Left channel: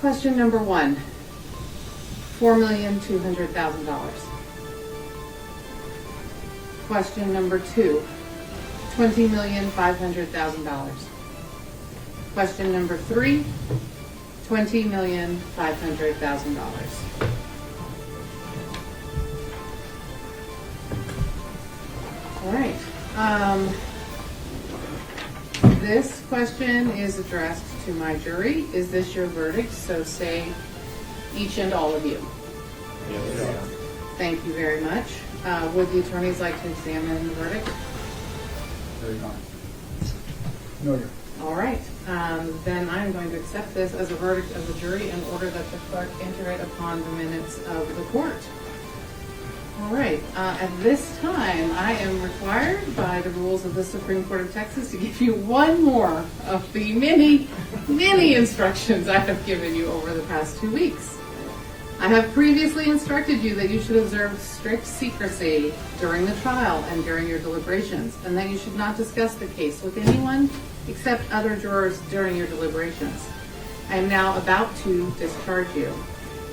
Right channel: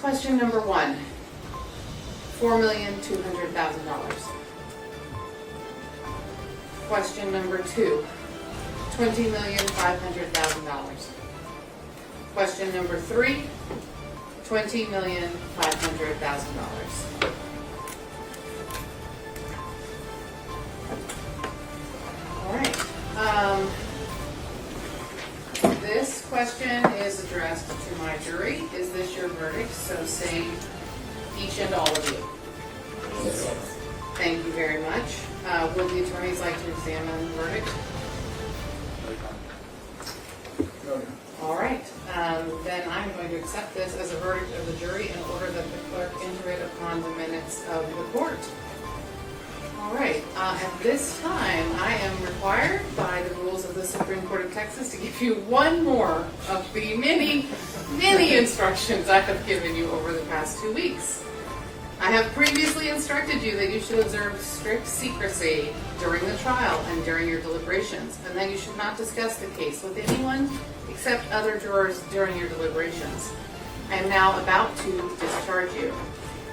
Question number 1, $4,200,000. Question number 2, $20,500,000. Question number 3, $20,500,000. All right. This question is addressed to my jury. Is this your verdict? So say each and all of you. Yes. Thank you very much. Would the attorneys like to examine the verdict? No. All right. Then I'm going to accept this as a verdict of the jury in order that the clerk enter it upon the minutes of the court. All right. At this time, I am required by the rules of the Supreme Court of Texas to give you one more of the many, many instructions I have given you over the past 2 weeks. I have previously instructed you that you should observe strict secrecy during the trial and during your deliberations, and that you should not discuss the case with anyone except other jurors during your deliberations. I am now about to discharge you.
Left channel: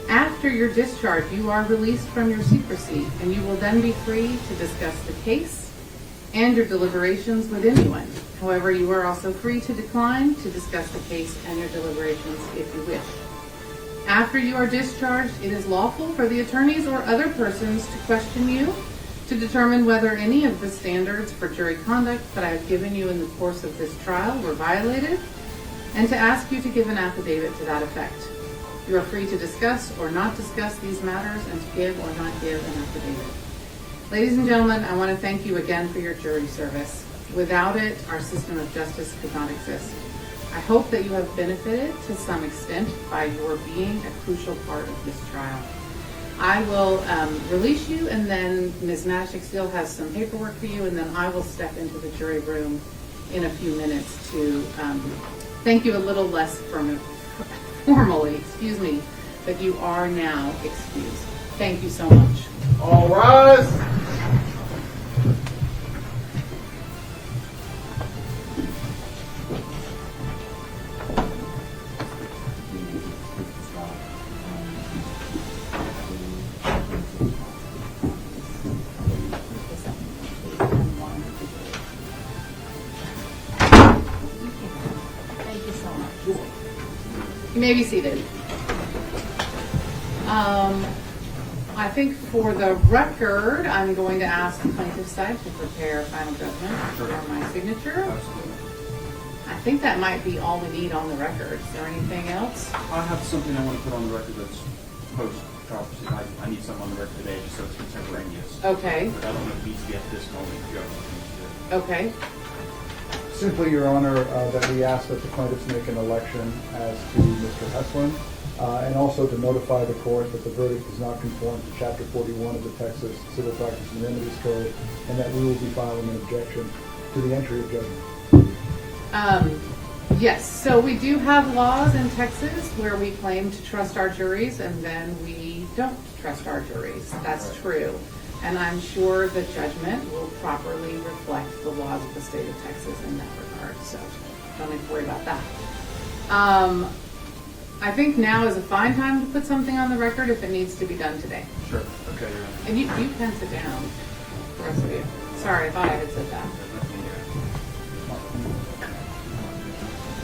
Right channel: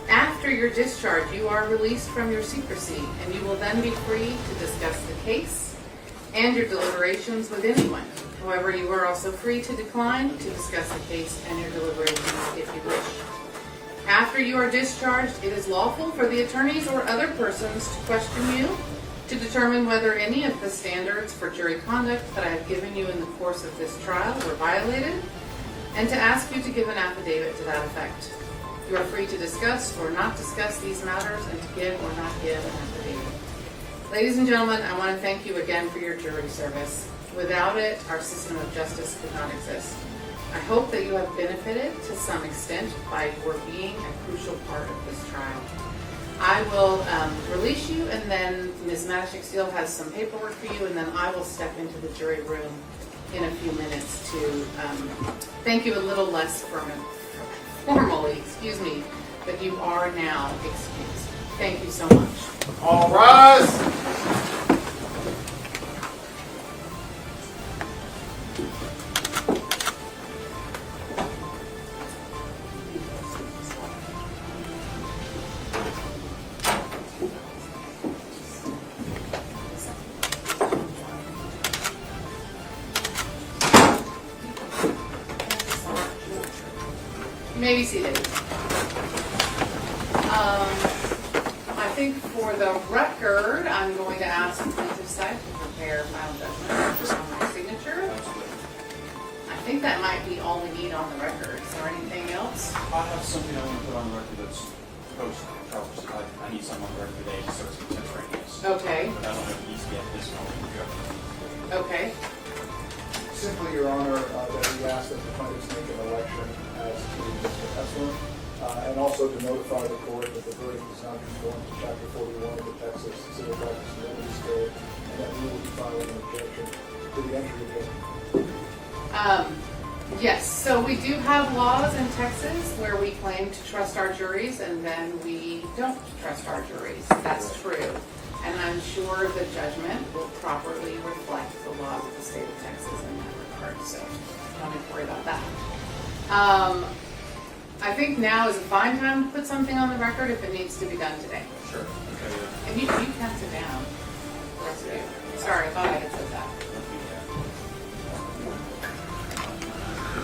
After your discharge, you are released from your secrecy, and you will then be free to discuss the case and your deliberations with anyone. However, you are also free to decline to discuss the case and your deliberations if you wish. After you are discharged, it is lawful for the attorneys or other persons to question you to determine whether any of the standards for jury conduct that I have given you in the course of this trial were violated, and to ask you to give an affidavit to that effect. You are free to discuss or not discuss these matters and to give or not give an affidavit. Ladies and gentlemen, I want to thank you again for your jury service. Without it, our system of justice could not exist. I hope that you have benefited to some extent by your being a crucial part of this trial. I will release you, and then Ms. Matashik still has some paperwork for you, and then I will step into the jury room in a few minutes to thank you a little less formally, but you are now excused. Thank you so much. All rise. You may be seated. I think for the record, I'm going to ask the plaintiff's side to prepare final judgment for my signature. I think that might be all we need on the record. Is there anything else? I have something I want to put on the record that's post-trial proceeding. I need something on the record today, so it's contemporaneous. Okay. But I don't know if it needs to be at this moment, Joe. Okay. Simply, Your Honor, that we ask that the plaintiffs make an election as to Mr. Heslin, and also to notify the court that the verdict does not conform to Chapter 41 of the Texas Civil Practice and Remedies Code, and that we will be filing an objection to the entry of judgment. Yes, so we do have laws in Texas where we claim to trust our juries and then we don't trust our juries. That's true. And I'm sure the judgment will properly reflect the laws of the state of Texas in that regard, so don't have to worry about that. I think now is a fine time to put something on the record if it needs to be done today. Sure. Okay. And you can sit down, the rest of you. Sorry, I thought I had said that.